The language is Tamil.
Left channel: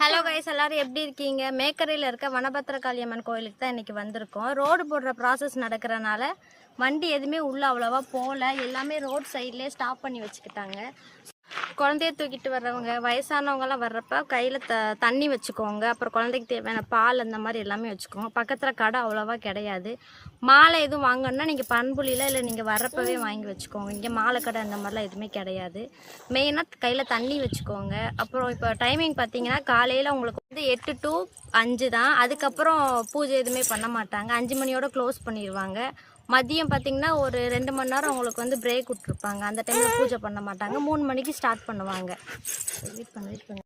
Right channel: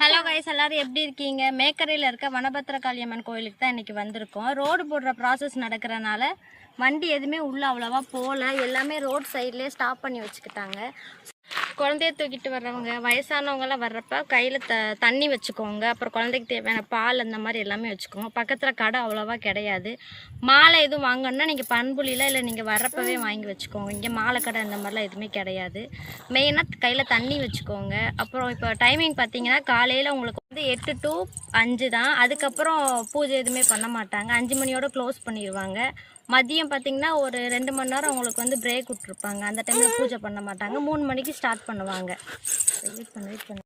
ஹலோ கைஸ், எல்லாரும் எப்படி இருக்கீங்க? மேக்கரையில் இருக்க வனபத்திரகாளியம்மன் கோயிலுக்கு தான் இன்றைக்கி வந்திருக்கோம். ரோடு போடுற ப்ராசஸ் நடக்கிறனால வண்டி எதுவுமே உள்ளே அவ்வளோவா போகல. எல்லாமே ரோட் சைட்லேயே ஸ்டாப் பண்ணி வச்சுக்கிட்டாங்க. குழந்தைய தூக்கிட்டு வர்றவங்க, வயசானவங்களாம் வர்றப்ப கையில் தண்ணி வச்சுக்கோங்க. அப்புறம் குழந்தைக்கு தேவையான பால் அந்த மாதிரி எல்லாமே வச்சுக்கோங்க. பக்கத்தில் கடை அவ்வளோவா கிடையாது. மாலை எதுவும் வாங்கணுன்னா நீங்கள் பண்புலியில் இல்லை நீங்கள் வர்றப்பவே வாங்கி வச்சுக்கோங்க. இங்கே மாலை கடை அந்த மாதிரிலாம் எதுவுமே கிடையாது. மெயினாக கையில் தண்ணி வச்சுக்கோங்க. அப்புறம் இப்போ டைமிங் பார்த்தீங்கன்னா காலையில் உங்களுக்கு வந்து 8 to 5 தான். அதுக்கப்புறம் பூஜை எதுவுமே பண்ண மாட்டாங்க. 5 மணியோட க்ளோஸ் பண்ணிடுவாங்க. மதியம் பார்த்திங்கன்னா ஒரு 2 மணி நேரம் உங்களுக்கு வந்து பிரேக் விட்ருப்பாங்க. அந்த டைமில் பூஜை பண்ண மாட்டாங்க. 3 மணிக்கு ஸ்டார்ட் பண்ணுவாங்க. வெயிட் பண்ணு